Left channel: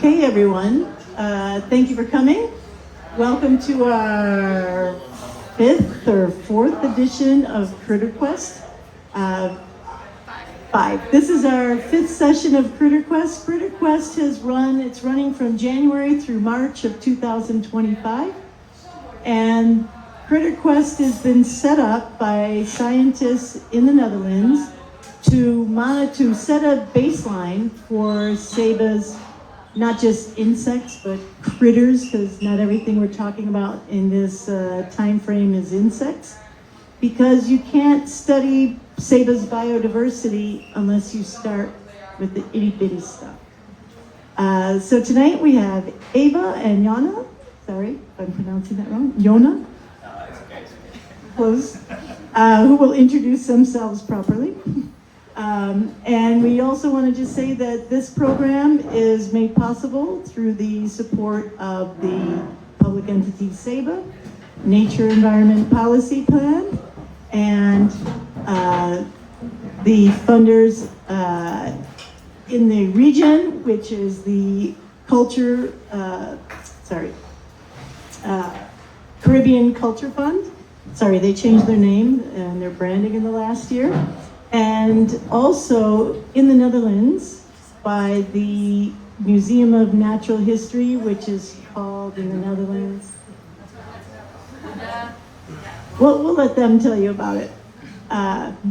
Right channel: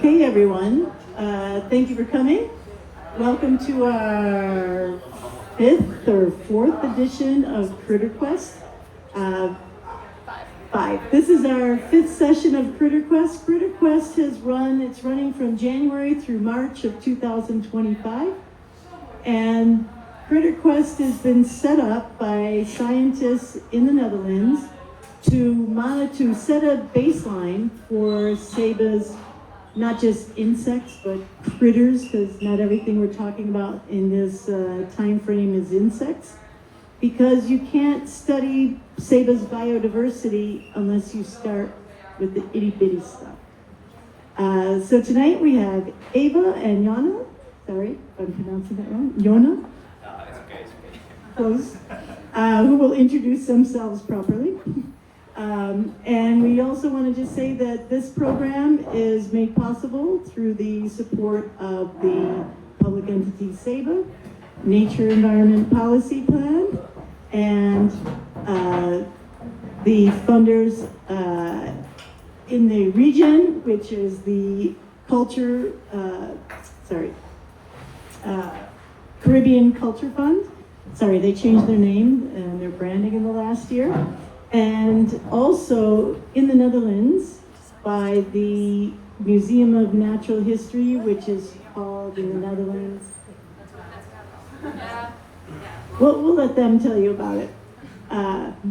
Okay, everyone, thank you for coming. Welcome to our fifth or fourth edition of Critter Quest. Five. This is our fifth session of Critter Quest. Critter Quest it's running from January through March of 2025. And Critter Quest has been set up by scientists in the Netherlands to set a baseline for Seba's, not just insects, but critters, because not everything we're talking about in this time frame is insects. Because you can't study Seba's biodiversity unless you start with the itty bitty stuff. So tonight we have Eva and Jonne, sorry if I'm pronouncing that wrong, Jonne, It's okay. close, who will introduce themselves properly. And we also want to just say that this program is made possible through the support of the public entity SEBA, Nature Environment Policy Plan, and the funders in the region, which is the Caribbean Culture Fund. Sorry, they changed their name and their branding in the last year. And also in the Netherlands by the Museum of Natural History, which is called in the Netherlands. We'll let them tell you about it.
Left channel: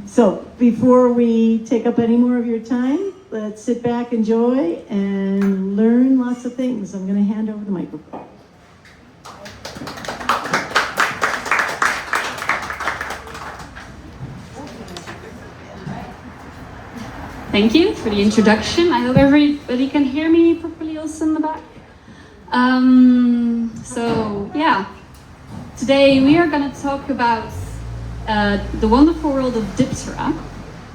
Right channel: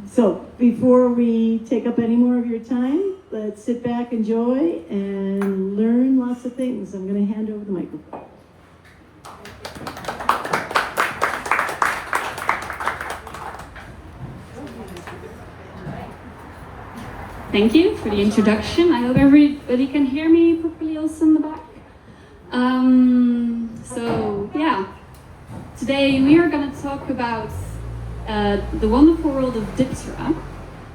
So before we take up any more of your time, let's sit back, enjoy, and learn lots of things. I'm going to hand over the microphone. Thank you for the introduction. I hope everybody can hear me properly also in the back. Today we are going to talk about the wonderful world of Diptera,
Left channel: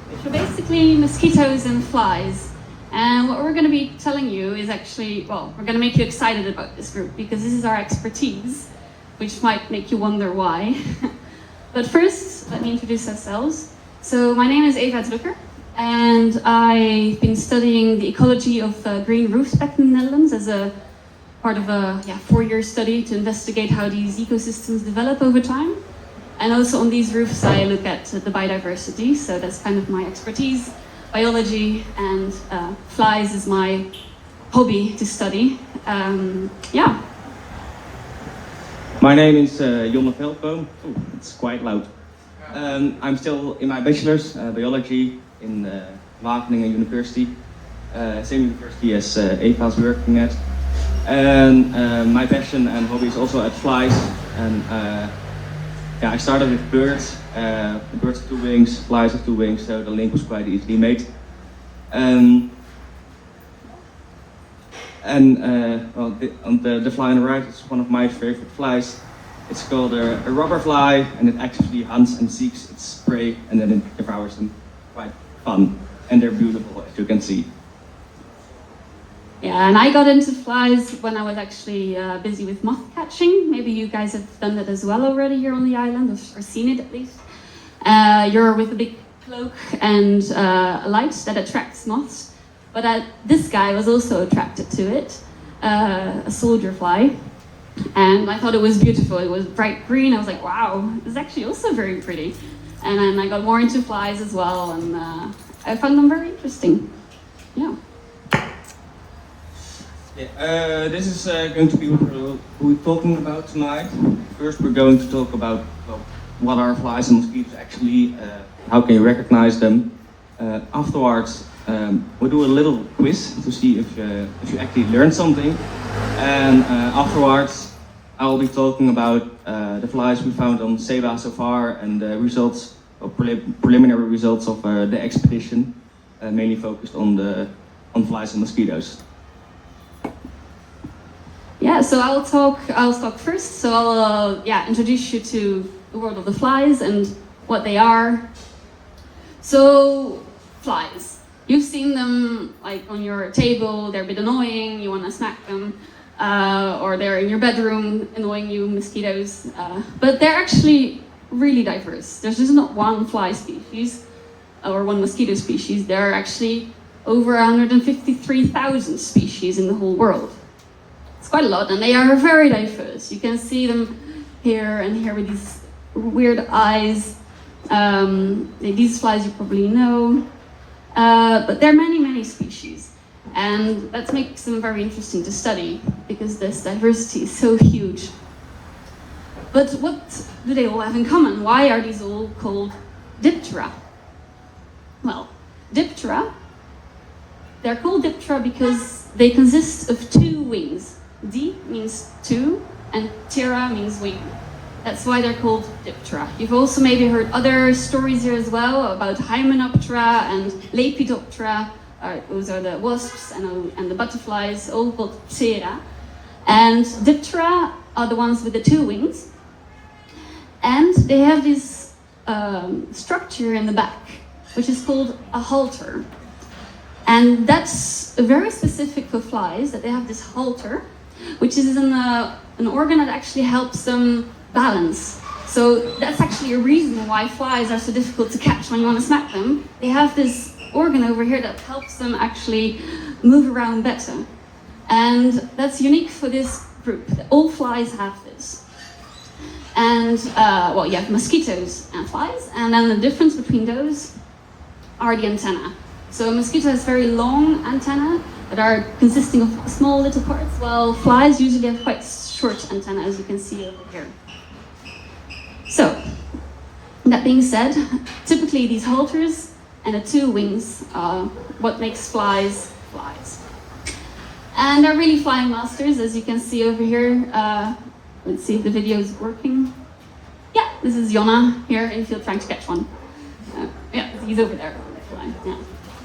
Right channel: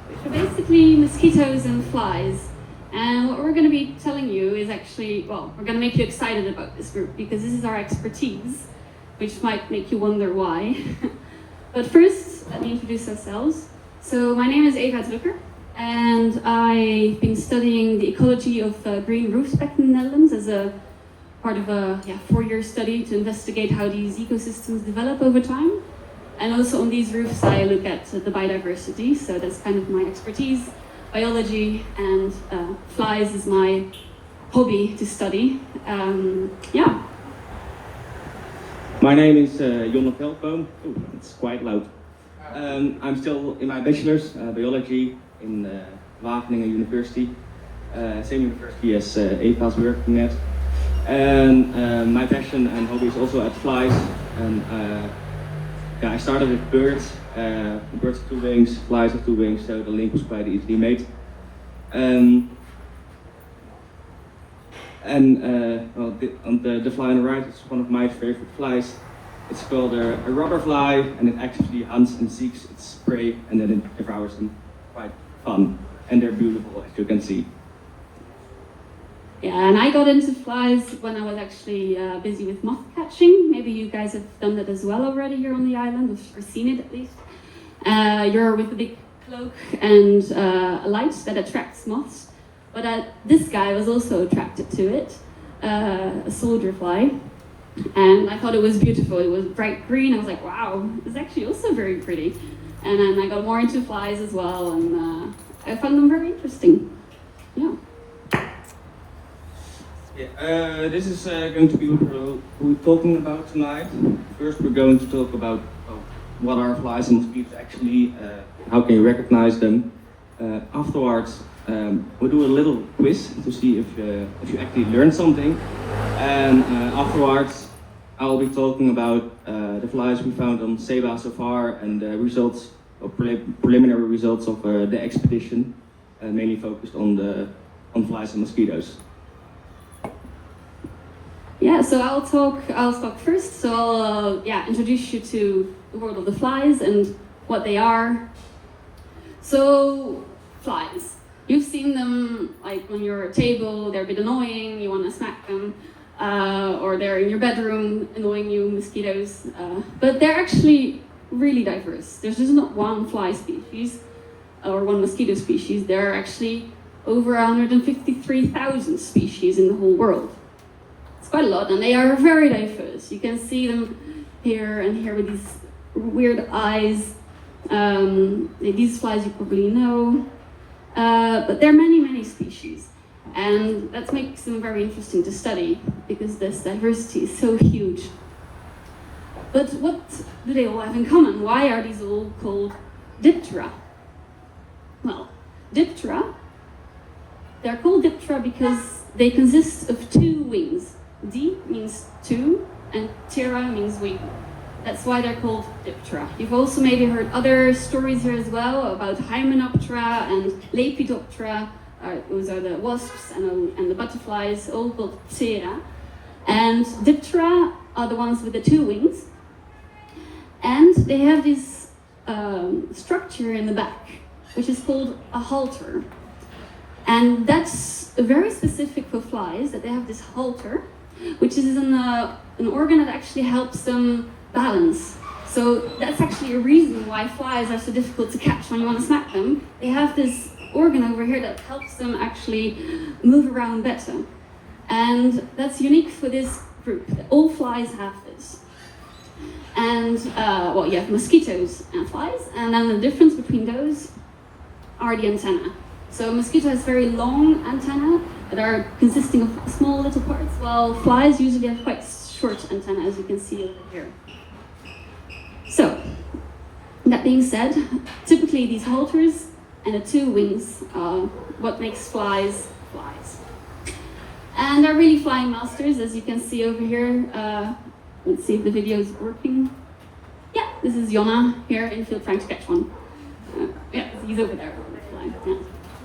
which are basically mosquitoes and flies. And what we're going to be telling you is actually, we're going to make you excited about this group because this is our expertise, which might make you wonder why. But first, let me introduce ourselves. So my name is Eva Drukker. And I've been studying the ecology of green roofs back in the Netherlands as a part of a 4-year study to investigate how these ecosystems develop over time. And also on these roofs I look at the biodiversity, so that's kind of my expertise. Biology and flies is my hobby to study. My name is Jonne Veldboom. Oh, it's quite loud. I'm still in my bachelor's biology in Wageningen University, same university as Eva's working at. And my passion and hobby is also at flies. And I started with birds, birds of two wings, flies of two wings, so the link was quite easily made. The fly on the right is one of my favorite flies. It's called a rubber fly, and it actively hunts and seeks its prey, and then it devours them. Quite fun, and they're beautiful, as you can see. Yeah, and I got into flies when I was actually busy with moth catching. Maybe you guys have done that as well already here on the island, or seen it at least. You're with a big cloak and a light that attracts moths. But this guy was also attracted to it, a soldier fly. And I thought it was beautiful. It was bright green. I was like, wow, it's actually also very pretty. And then I got more into flies as well, and I found them very interesting. Yeah. This is going to be what we're talking about tonight. First, we're going to talk about what are flies and mosquitoes actually, how can you recognize them. Afterwards, we'll do a little quiz to see if you actually learned something. And afterwards, I'll be talking about the flies we found on Seba so far and the results, or preliminary results of the expedition, mainly focused on flies and mosquitoes. Yeah, so I'll talk first. So I'll introduce you to the world of the flies and what they are. So flies, you've seen them like on your table. They're a bit annoying. You want to smack them, or they're in your bedroom annoying you. Mosquitoes, but they're actually really diverse. There's just not one fly species or one mosquito species. There are actually over 153,000 species in the whole world. It's quite a lot, and they are very diverse. You can see them here and here with these weird eyes. These flies you probably know, but there are many, many species. And that makes them very interesting to study because this diversity is so huge. But what do they all have in common? Why are these all called Diptera? Well, Diptera, they're called Diptera because they consist of two wings. Di means two, and ptera means wing. That's why they're called Diptera. You've also maybe heard other stories here as well about Hymenoptera and Lepidoptera. Those are the wasps and the butterflies, all called Ptera. And Diptera are the ones with the two wings. And they have this structure in the back, which is called a halter. And that's very specific for flies, that they have this halter, which is an organ that actually helps them balance. So that's actually a reason why flies are so difficult to catch when you want to smack them. They have this organ over here that helps them actually move around better. And that's unique for this group. All flies have this. And, well, you have mosquitoes and flies, and then the difference between those are the antennae. So a mosquito has very long antennae that are consisting of small little parts, while flies usually have quite short antennae, as you can see over here. So, that being said, typically these halters and the two wings are what makes flies flies. And they're really flying masters, as you can see over here. Let's see if the video is working. Yeah, this is Jonne here in the field trying to catch one. Yeah, he's over there, yeah,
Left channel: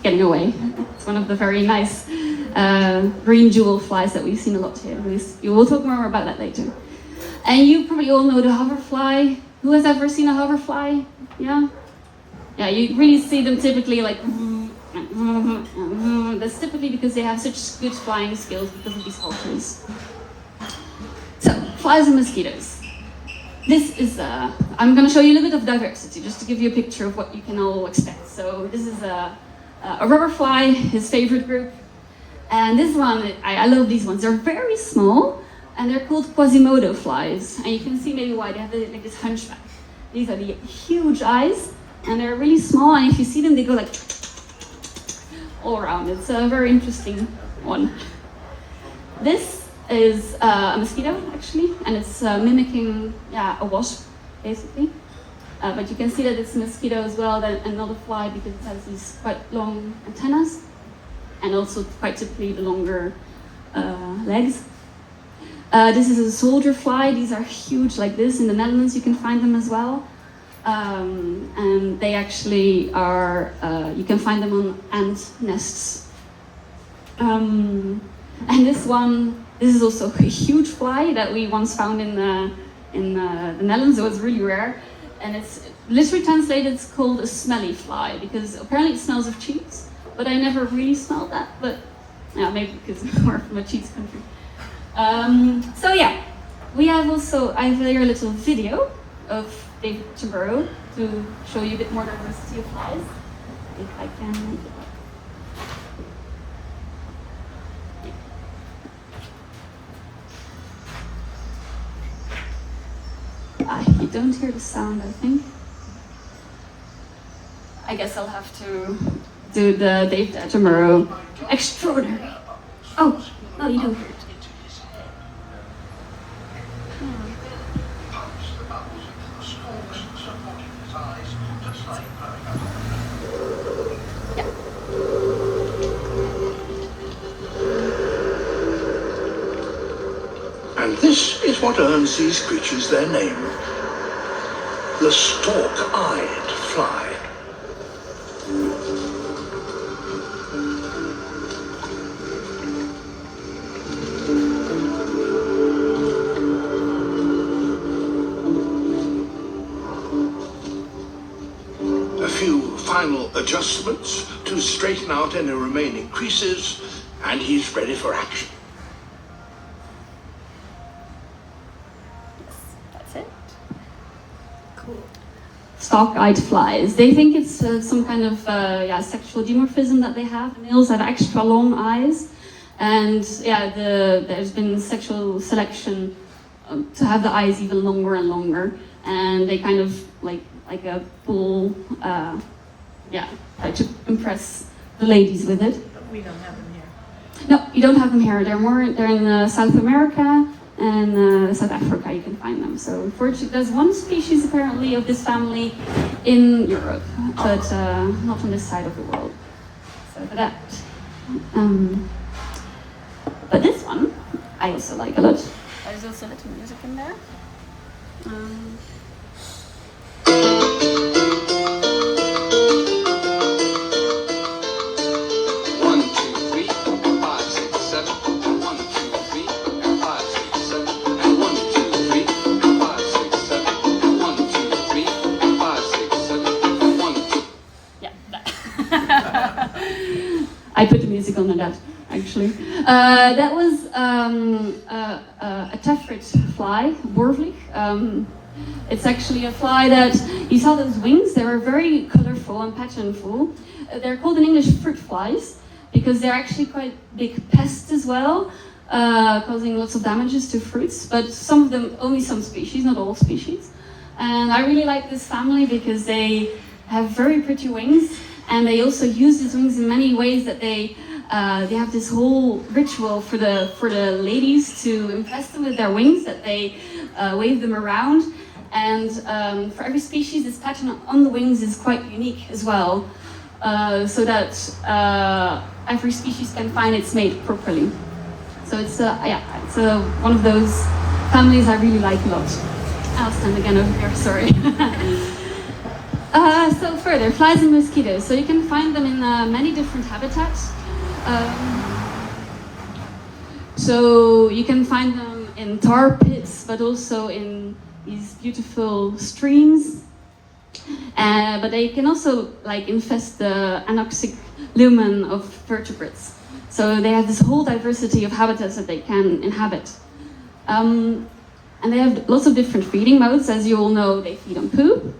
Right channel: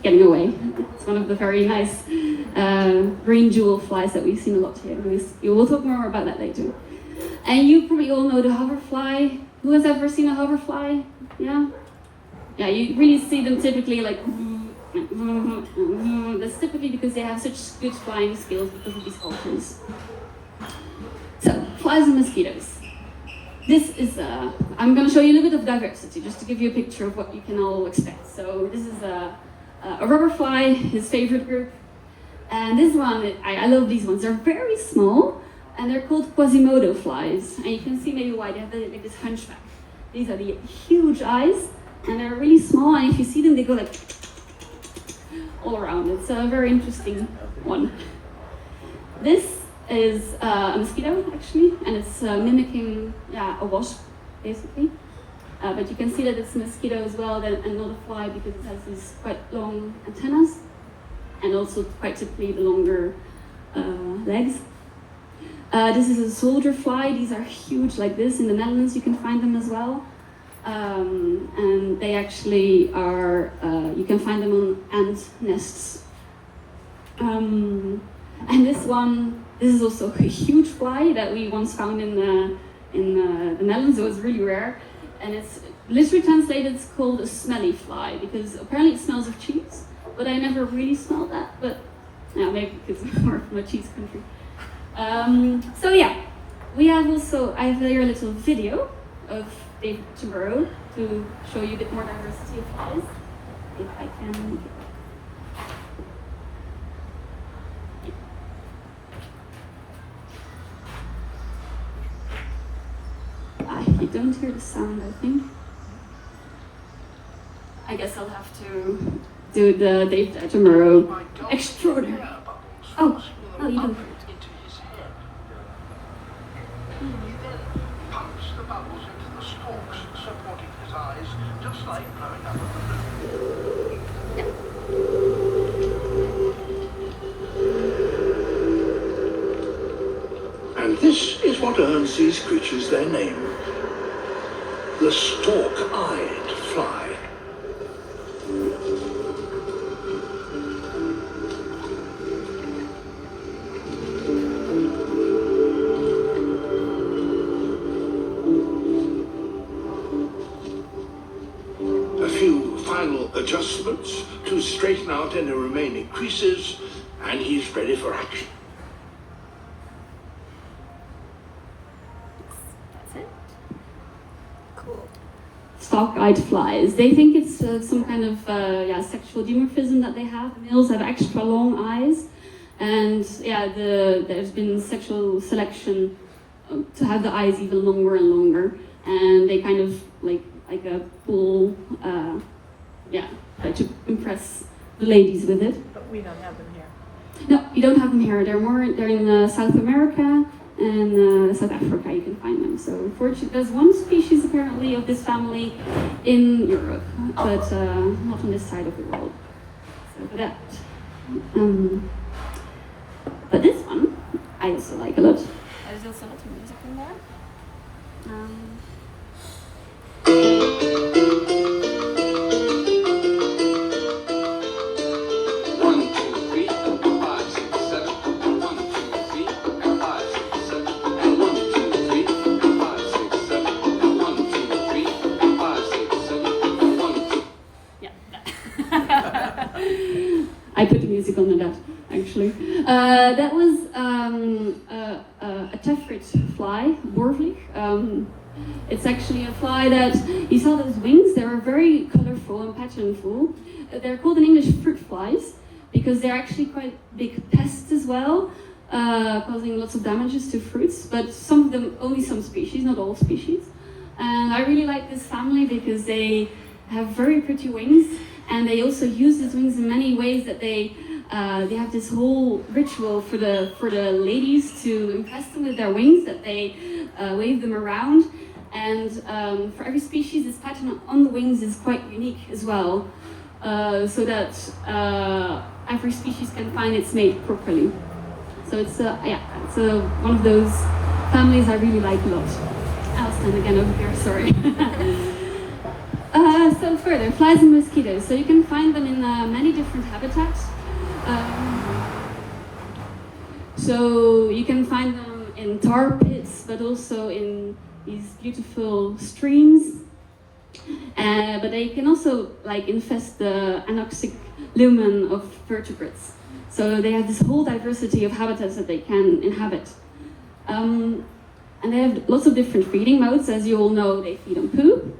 getting away. It's one of the very nice green jewel flies that we've seen a lot here. We will talk more about that later. And you probably all know the hoverfly. Who has ever seen a hoverfly? Yeah? Yeah, you really see them typically like, that's typically because they have such good flying skills because of these halters. So, flies and mosquitoes. This is, I'm going to show you a little bit of diversity, just to give you a picture of what you can all expect. So this is a rubber fly, his favorite group. And this one, I love these ones. They're very small, and they're called Quasimodo flies. And you can see maybe why they have like this hunchback. These are the huge eyes, and they're really small, and if you see them, they go like all around. It's a very interesting one. This is a mosquito, actually, and it's mimicking a wasp, basically. But you can see that it's a mosquito as well, and not a fly, because it has these quite long antennas, and also quite typically the longer legs. This is a soldier fly. These are huge like this. In the Netherlands you can find them as well. And they actually are, you can find them on ant nests. And this is also a huge fly that we once found in the Netherlands. So it's really rare. And it's literally translated, it's called a smelly fly, because apparently it smells of cheese. But I never really smelled that, but yeah, maybe because we're from a cheese country. So yeah, I have here a little video of David Attenborough to show you a bit more diversity of flies. If I can make it work. You don't hear the sound, I think. I guess I'll have to do the David Attenborough extraordinary. Oh, no, you don't hear it. And this is what earns these creatures their name. The stalk-eyed fly. A few final adjustments to straighten out any remaining creases, and he's ready for action. stalk-eyed flies. They think it's some kind of sexual dimorphism that they have. Males have extra long eyes, and there's been sexual selection to have the eyes even longer and longer, and they kind of like a bull, try to impress the ladies with it. But we don't have them here. No, you don't have them here. They're in South America and South Africa. You can find them. So unfortunately, there's one species apparently of this family in Europe, but not on this side of the world. So for that. But this one, I also like a lot. There's also a little music in there. I put the music on that, actually. That was a tephrit fly, Worvlich. It's actually a fly that, you saw those wings, they were very colorful and patternful. They're called in English fruit flies because they're actually quite big pests as well, causing lots of damages to fruits, but some of them, only some species, not all species. And I really like this family because they have very pretty wings, and they also use these wings in many ways that they have this whole ritual for the ladies to impress them with their wings, that they wave them around. And for every species, this pattern on the wings is quite unique as well, so that every species can find its mate properly. So it's one of those families I really like a lot. I'll stand again over here, sorry. So further, flies and mosquitoes. So you can find them in many different habitats. So you can find them in tar pits, but also in these beautiful streams. But they can also infest the anoxic lumen of vertebrates. So they have this whole diversity of habitats that they can inhabit. And they have lots of different feeding modes. As you all know, they feed on poo,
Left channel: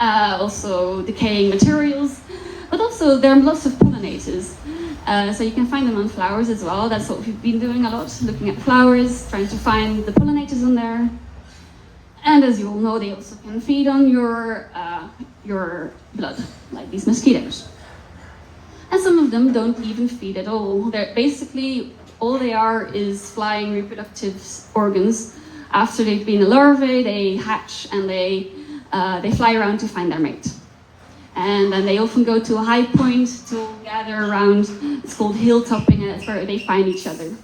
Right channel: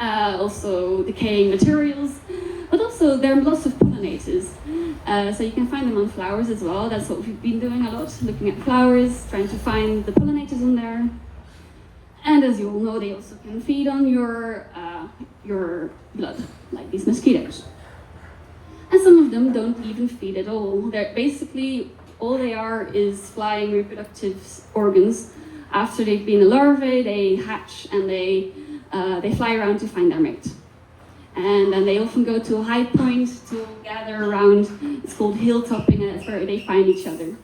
also decaying materials, but also there are lots of pollinators. So you can find them on flowers as well. That's what we've been doing a lot, looking at flowers, trying to find the pollinators on there. And as you all know, they also can feed on your blood, like these mosquitoes. And some of them don't even feed at all. They're basically, all they are is flying reproductive organs. After they've been a larvae, they hatch and they fly around to find their mate. And then they often go to a high point to gather around. It's called hilltopping, and that's where they find each other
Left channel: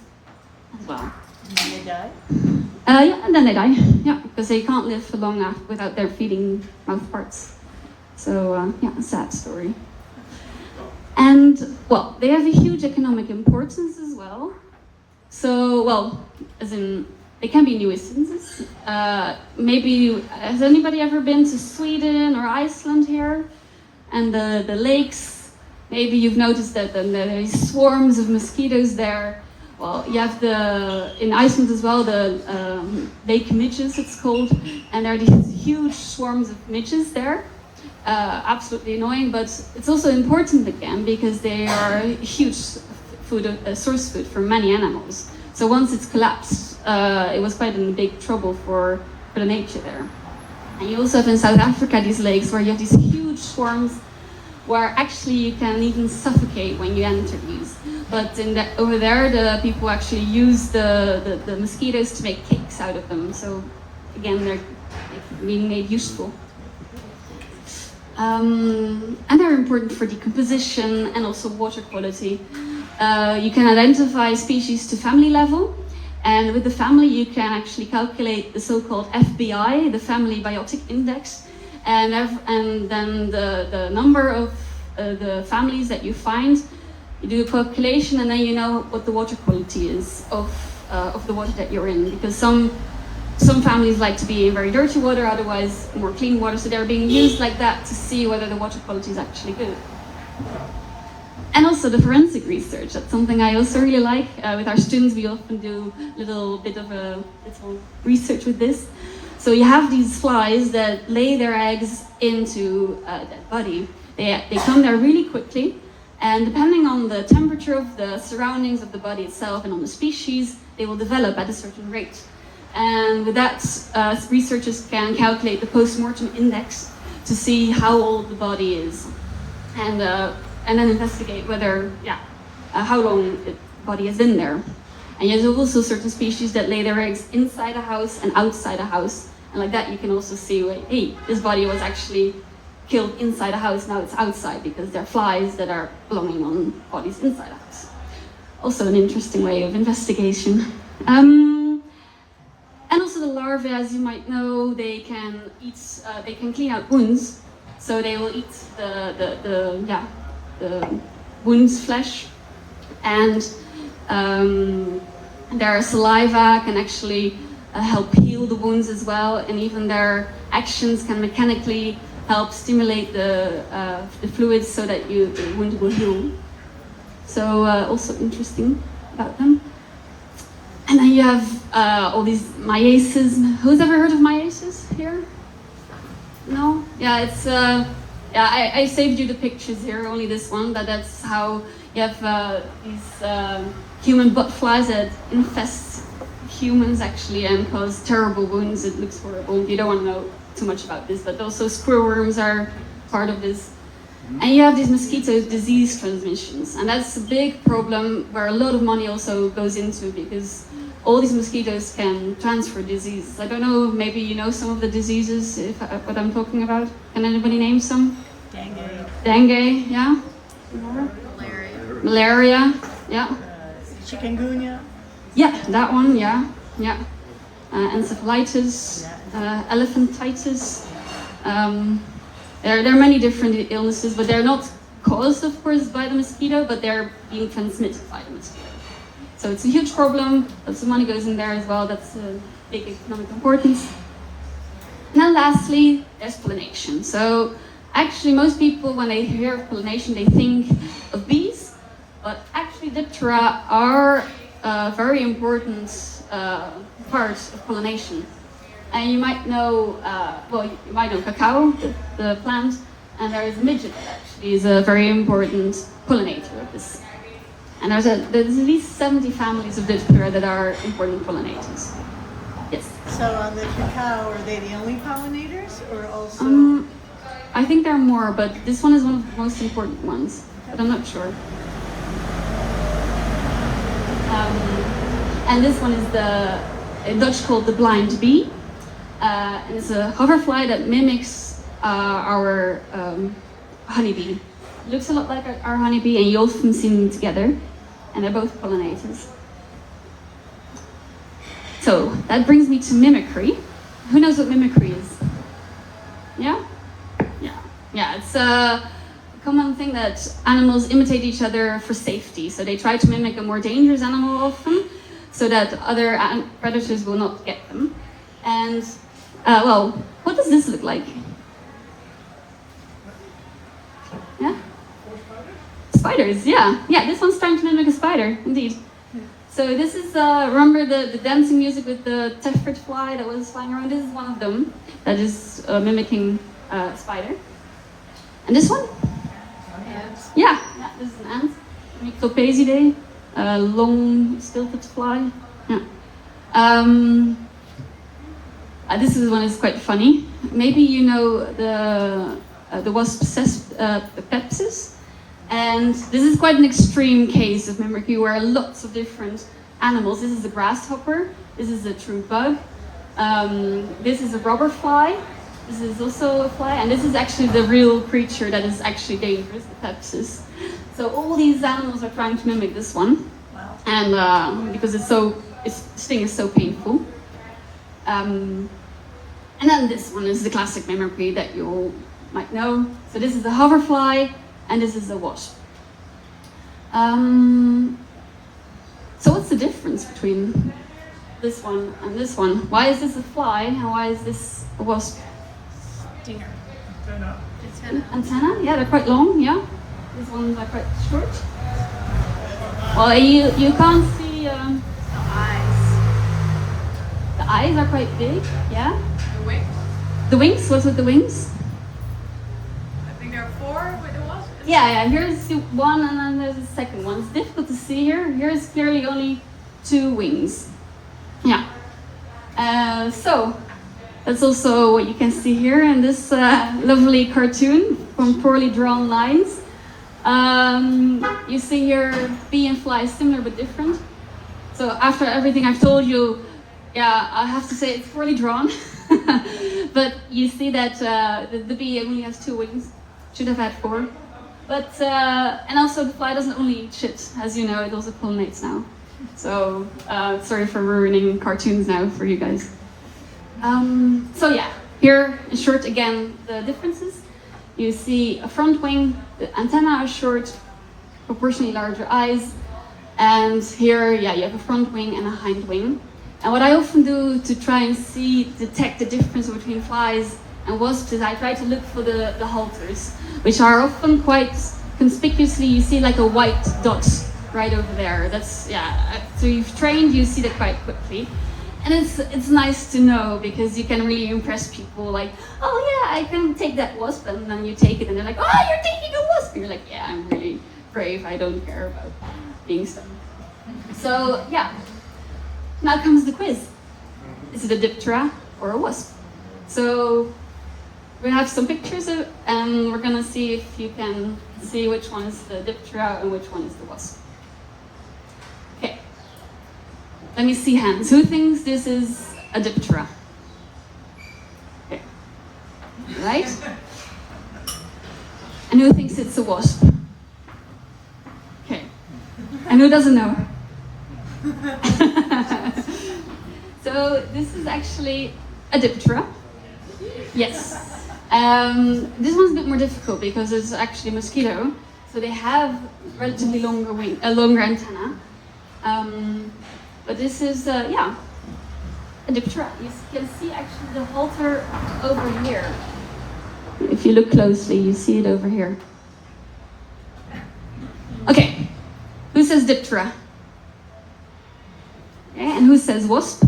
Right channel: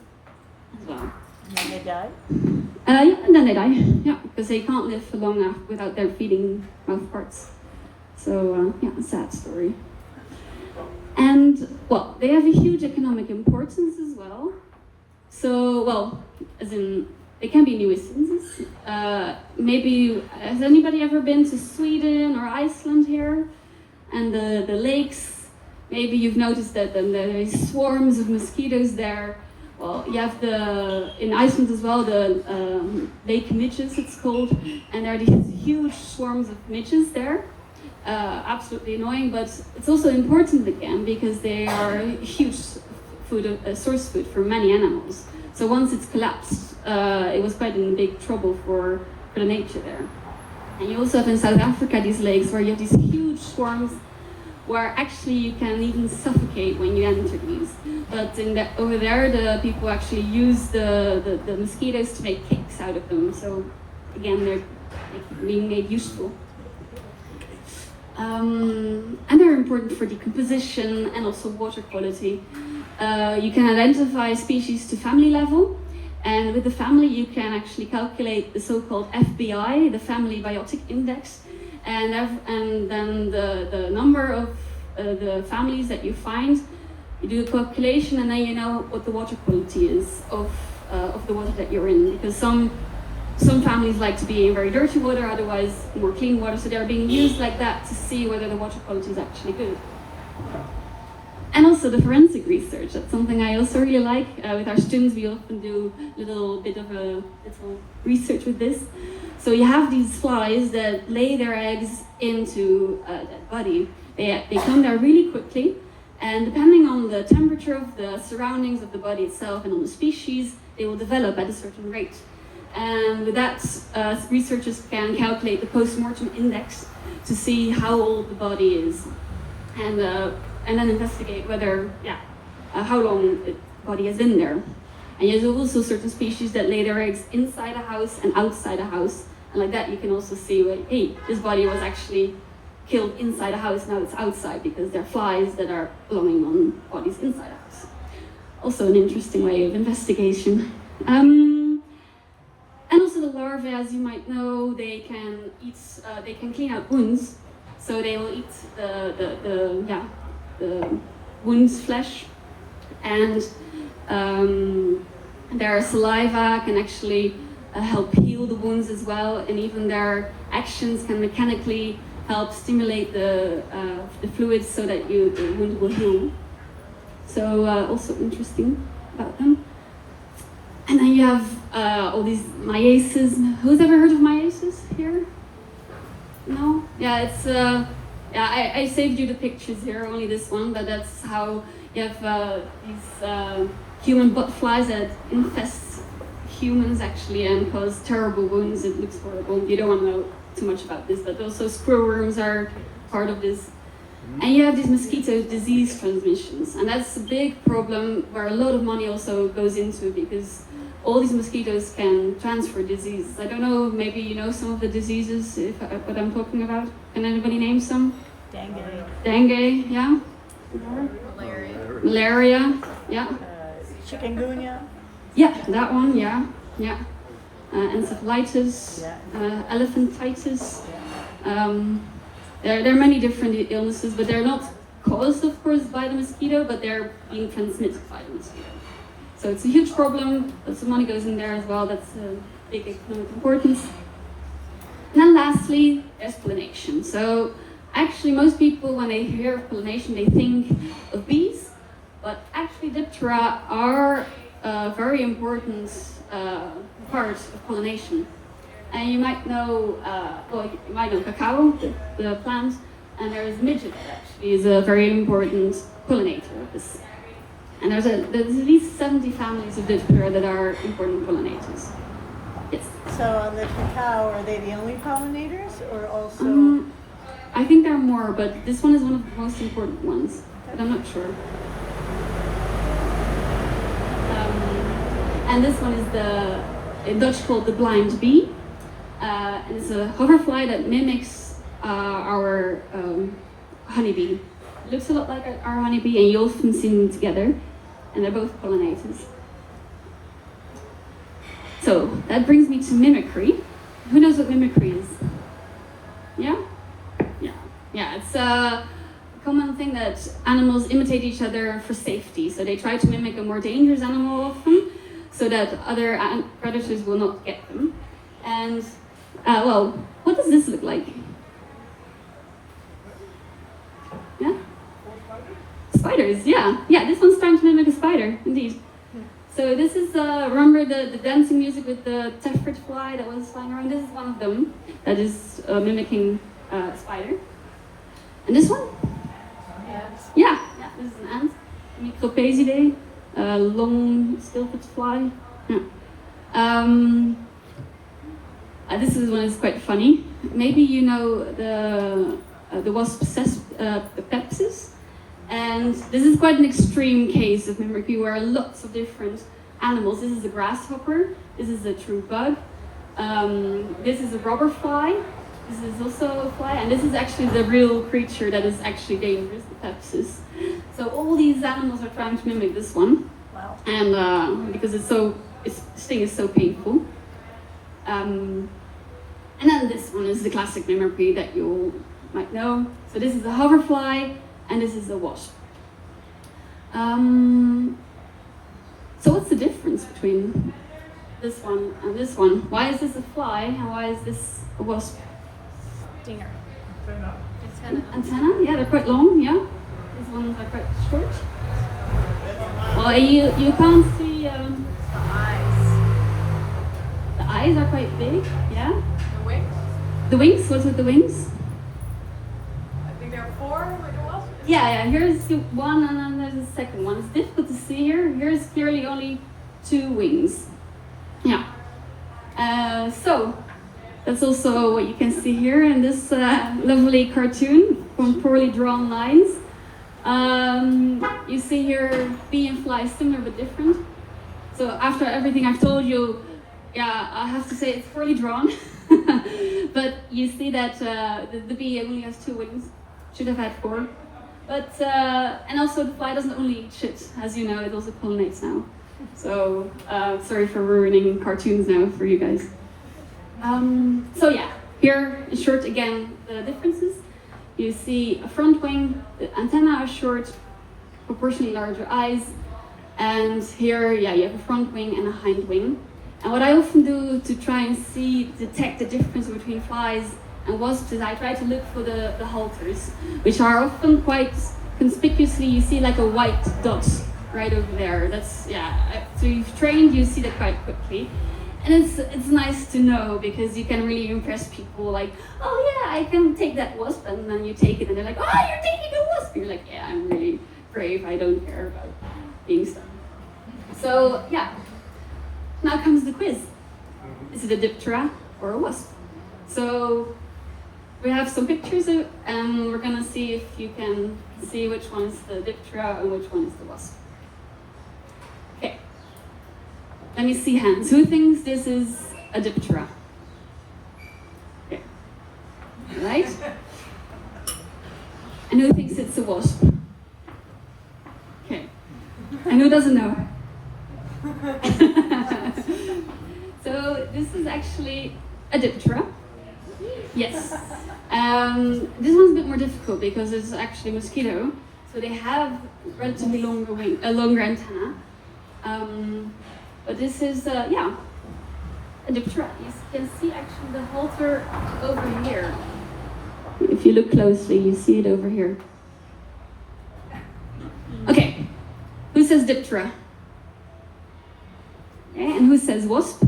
as well. And then they die? And then they die. Yeah, because they can't live for long without their feeding mouth parts. So a sad story. And well, they have a huge economic importance as well. So as in, they can be nuisances. Maybe, has anybody ever been to Sweden or Iceland here? And the lakes, maybe you've noticed that there's swarms of mosquitoes there. Well, you have in Iceland as well, the lake midges it's called, and there are these huge swarms of midges there. Absolutely annoying, but it's also important again because they are a huge source food for many animals. So once it's collapsed, it was quite in big trouble for the nature there. And you also have in South Africa these lakes where you have these huge swarms where actually you can even suffocate when you enter these. But over there, the people actually use the mosquitoes to make cakes out of them. So again, they're being made useful. And they're important for decomposition and also water quality. You can identify species to family level, and with the family you can actually calculate the so-called FBI, the Family Biotic Index, and then the number of the families that you find. You do a calculation, and then you know what the water quality is of the water that you're in, because some families like to be in very dirty water, otherwise more clean water, so they're being used like that to see whether the water quality is actually good. And also also the forensic research. That's something I also really like. With our students, we often do a little bit of a little research with this. So you have these flies that lay their eggs into that body. They come there really quickly, and depending on the temperature of the surroundings of the body itself and on the species, they will develop at a certain rate. And with that, researchers can calculate the post-mortem index to see how old the body is, and then investigate whether, how long the body is in there. And there's also certain species that lay their eggs inside a house and outside a house, and like that you can also see, hey, this body was actually killed inside a house, now it's outside, because there are flies that are belonging on bodies inside a house. Also an interesting way of investigation. And also the larvae, as you might know, they can eat, they can clean out wounds, so they will eat the wound's flesh, and their saliva can actually help heal the wounds as well, and even their actions can mechanically help stimulate the fluids so that the wound will heal. So also interesting about them. And then you have all these myiaces. Who's ever heard of myiaces here? No? Yeah, it's I saved you the pictures here, only this one, but that's how you have these human butt flies that infest humans actually and cause terrible wounds. It looks horrible. You don't want to know too much about this, but also screwworms are part of this. And you have these mosquito disease transmissions, and that's a big problem where a lot of money also goes into, because all these mosquitoes can transfer diseases. I don't know, maybe you know some of the diseases, what I'm talking about. Can anybody name some? Dengue. Dengue, yeah? Malaria, yeah? Chikungunya. Yeah, that one, yeah. Encephalitis, elephantitis. There are many different illnesses, but they're not caused, of course, by the mosquito, but they're being transmitted by the mosquito. So it's a huge problem. Lots of money goes in there as well. That's a big economic importance. And then lastly, there's pollination. So actually, most people, when they hear of pollination, they think of bees, but actually Diptera are a very important part of pollination. And you might know, you might know cacao, the plant, and there is midget that actually is a very important pollinator of this. And there's at least 70 families of Diptera that are important pollinators. Yes. So on the cacao, are they the only pollinators, or also? I think there are more, but this one is one of the most important ones, but I'm not sure. And this one is in Dutch called the blind bee. And it's a hoverfly that mimics our honeybee. It looks a lot like our honeybee, and you often see them together, and they're both pollinators. So that brings me to mimicry. Who knows what mimicry is? Yeah? Yeah, it's a common thing that animals imitate each other for safety. So they try to mimic a more dangerous animal often, so that other predators will not get them. And what does this look like? Yeah? Spiders, yeah. Yeah, this one's trying to mimic a spider, indeed. So this is, remember the dancing music with the tephrid fly that was flying around? This is one of them that is mimicking a spider. And this one? Ants. Yeah, this is an ant. Mycopasidae, long stilted fly. Yeah. This is one is quite funny. Maybe you know the wasp Pepsis, and this is quite an extreme case of mimicry where lots of different animals. This is a grasshopper. This is a true bug. This is a robber fly. This is also a fly, and this is actually the real creature that is actually dangerous, the Pepsis. So all these animals are trying to mimic this one, Wow. and because its sting is so painful. And then this one is the classic mimicry that you all might know. So this is a hoverfly, and this is a wasp. So what's the difference between this one and this one? Why is this a fly, and why is this a wasp? Stinger. Antenna? Yeah, they're quite long, yeah. These ones are quite short. Well, you can't see. The eyes. The eyes are quite big. Yeah. The wings? The wings. What's with the wings? I think there are 4 with the wasp. Yeah. Here's one, and then there's a second one. It's difficult to see here. Here's clearly only 2 wings. Yeah. So that's also what you can see here in this lovely cartoon from poorly drawn lines. You see here bee and fly similar but different. So after everything I've told you, yeah, I have to say it's poorly drawn. But you see that the bee only has 2 wings, should have had 4. But and also the fly doesn't only eat shit, as you know, it also pollinates now. So sorry for ruining cartoons now for you guys. So yeah, here in short again the differences. You see a front wing, the antenna are short, proportionally larger eyes, and here, yeah, you have a front wing and a hind wing. And what I often do to try and detect the difference between flies and wasps is I try to look for the halters, which are often quite conspicuously, you see like a white dot right over there. That's, yeah, after you've trained, you see that quite quickly. And it's nice to know because you can really impress people like, oh yeah, I can take that wasp, and then you take it and they're like, oh, you're taking a wasp. You're like, yeah, I'm really brave, I don't care about being stung. So yeah, now comes the quiz. Is it a diptera or a wasp? So we have some pictures and we're gonna see if you can see which one is the diptera and which one is the wasp. Okay. Let me see hands. Who thinks this is a diptera? Okay. Right? And who thinks it's a wasp? Okay. And who doesn't know? So this is actually a diptera. Yes. This one's a bit more difficult because it's actually a mosquito. So they have relatively longer antenna. But this is, yeah, a diptera. You can see actually the halter over here. If you look closely, you see it over here. Okay, who says diptera? Okay, and who says wasp?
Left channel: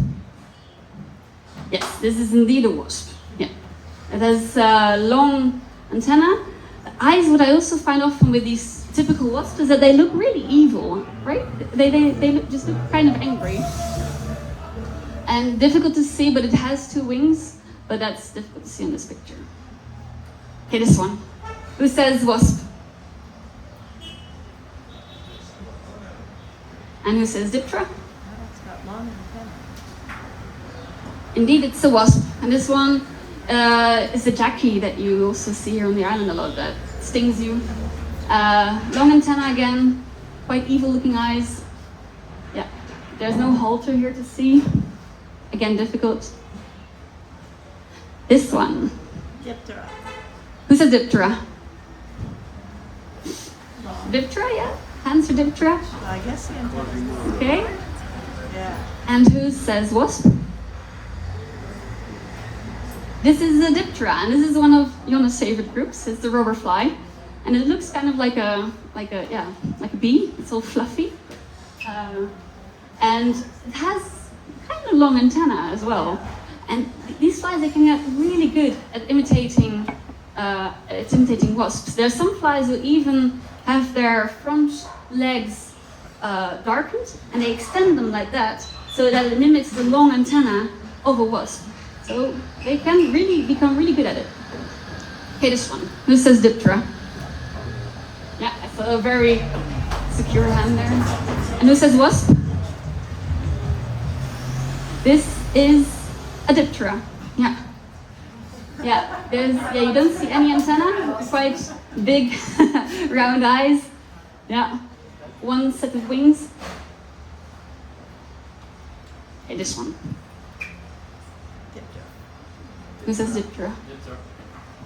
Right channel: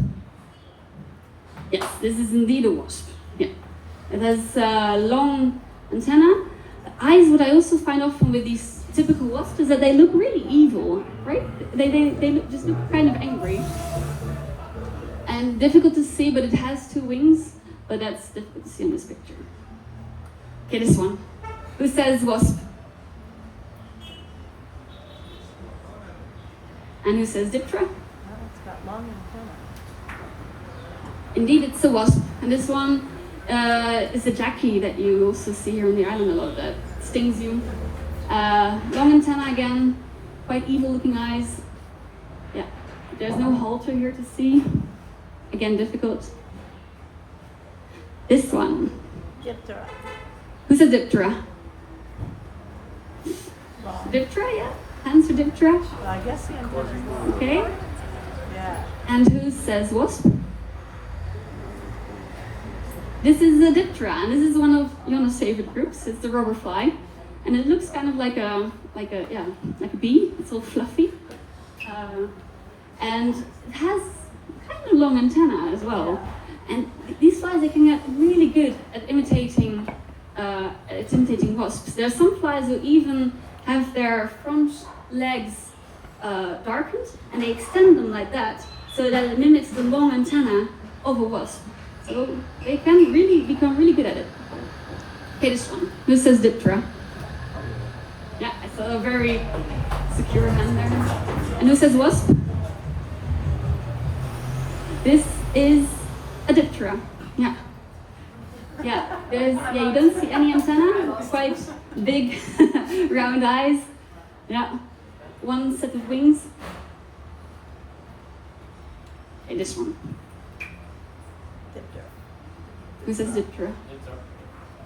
Yes, this is indeed a wasp. Yeah, it has long antenna. The eyes, what I also find often with these typical wasps is that they look really evil, right? They just look kind of angry. And difficult to see, but it has 2 wings, but that's difficult to see in this picture. Okay, this one. Who says wasp? And who says diptera? Indeed, it's a wasp. And this one is a jackie that you also see here on the island a lot that stings you. Long antenna again, quite evil looking eyes. Yeah, there's no halter here to see. Again, difficult. This one. Diptera. Who's a diptera? Diptera, yeah. Hands for diptera. Well, I guess the antenna's Okay. Yeah. And who says wasp? This is a diptera, and this is one of Jonne's favorite groups. It's the robber fly, and it looks kind of like a bee. It's all fluffy, and it has kind of long antenna as well. And these flies, they can get really good at imitating wasps. There are some flies who even have their front legs darkened, and they extend them like that so that it mimics the long antenna of a wasp. So they can really become really good at it. Okay, this one. Who says diptera? Yeah, I saw a very secure hand there. And who says wasp? This is a diptera. Yeah. Yeah, you don't see any antenna. Quite big, round eyes. Yeah. One set of wings. Okay, this one. Who says diptera?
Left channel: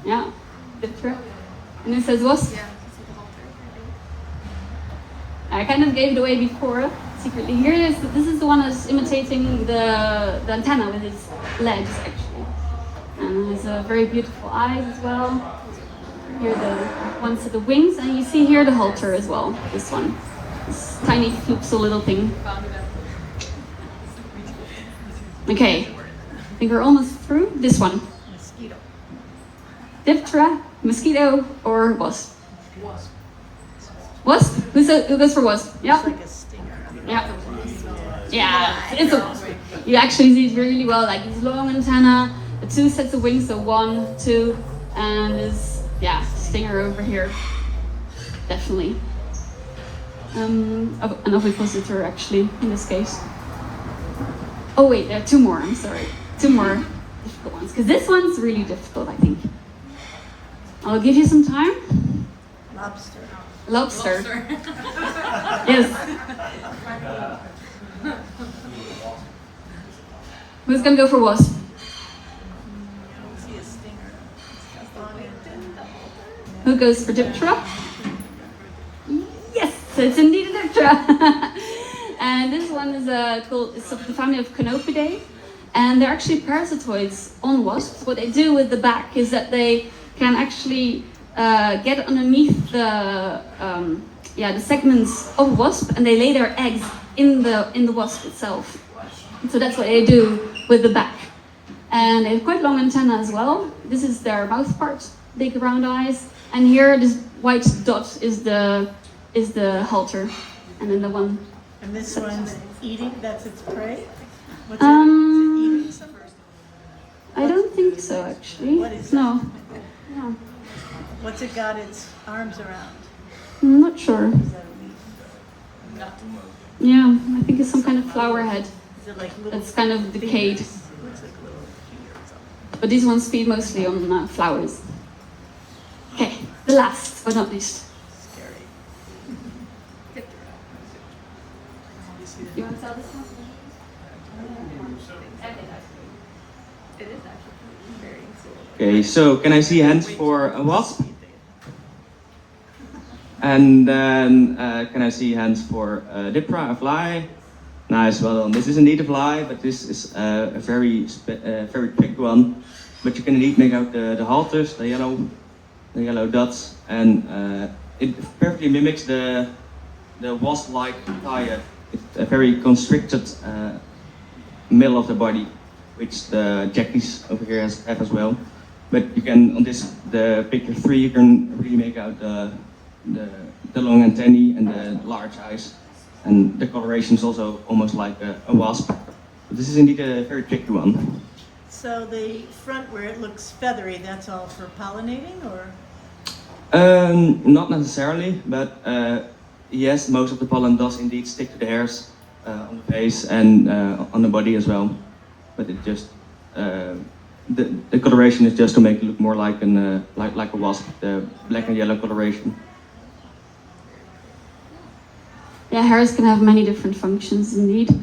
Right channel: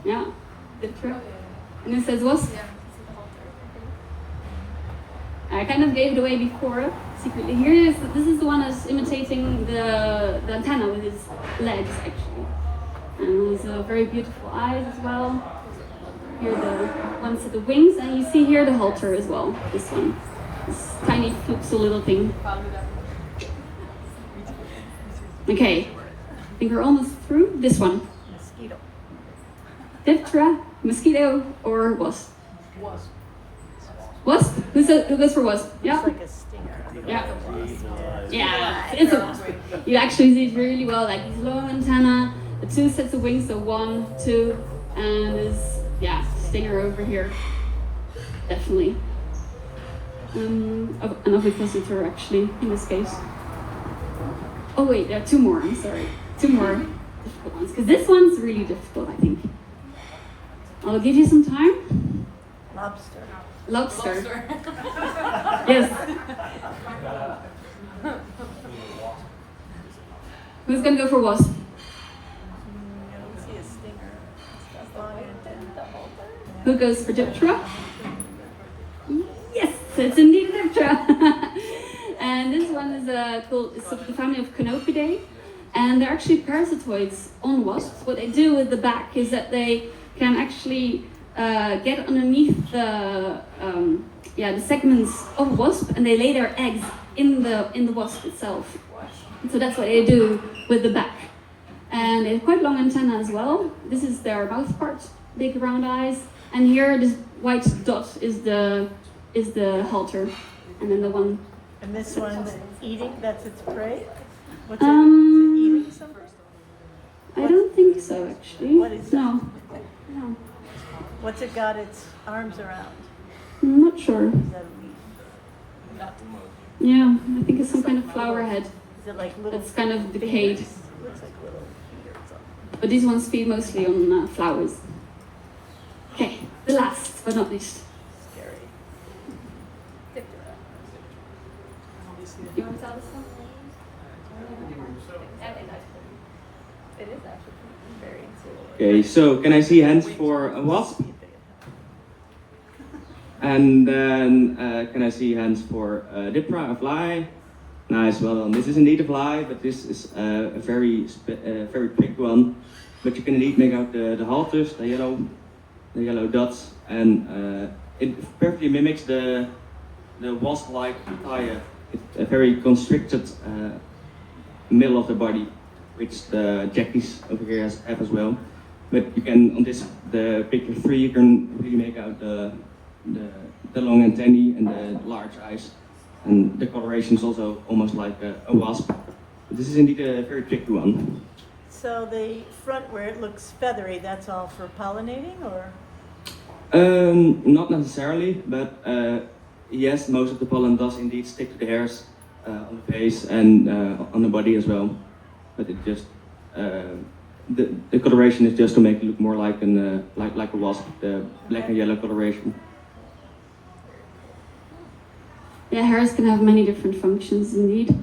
Yeah, diptera. And who says wasp? Yeah, I kind of gave it away before, secretly. This is the one that's imitating the antenna with his legs, actually. And he has a very beautiful eyes as well. Here the one set of wings, and you see here the halter as well, this one. This tiny floopsy little thing. Okay, I think we're almost through. This one. Mosquito. Diphthera, mosquito, or wasp? Wasp? Who goes for wasp? It's Yeah. like a stinger. Yeah. Yeah, it's a wasp. You actually see it really well, like these long antenna, the two sets of wings, so 1, 2, and this, yeah, stinger over here. Definitely. An ovipositor actually, in this case. Oh wait, there are 2 more, I'm sorry. 2 more difficult ones, because this one's really difficult, I think. I'll give you some time. Lobster. Lobster. Yes. Who's gonna go for wasp? I don't see a stinger. It's got the halter. Who goes for Diphthera? Yes, it's indeed a Diphthera. And this one is it's of the family of Canopidae, and they're actually parasitoids on wasps. What they do with the back is that they can actually get underneath the segments of wasp, and they lay their eggs in the wasp itself. So that's what they do with the back. And they have quite long antennae as well. This is their mouth part, big round eyes, and here this white dot is the halter, and then the one. And this one's eating, that's its prey? What's Um, it eating something? I don't think so actually. What is No. What's it got its arms around? I'm not sure. Is that meat? Yeah, I think it's some kind of flower head. Is it like little It's kind of decayed. fingers? Looks like little fingers. But these ones feed mostly on flowers. Okay, the last but not least. Scary. You want to tell this one? Okay, so can I see hands for a wasp? And then can I see hands for a Diphthera, a fly? Nice, well done. This is indeed a fly, but this is a very tricky one. But you can indeed make out the halters, the yellow dots, and it perfectly mimics the wasp-like tire. It's a very constricted middle of the body, which the jackies over here have as well. But you can, on the picture 3, you can really make out the long antennae and the large eyes. And the coloration is also almost like a wasp. But this is indeed a very tricky one. So the front where it looks feathery, that's all for pollinating, or? Not necessarily, but yes, most of the pollen does indeed stick to the hairs on the face and on the body as well. But it just the coloration is just to make it look more like a wasp, the black and yellow coloration. Yeah, hairs can have many different functions indeed.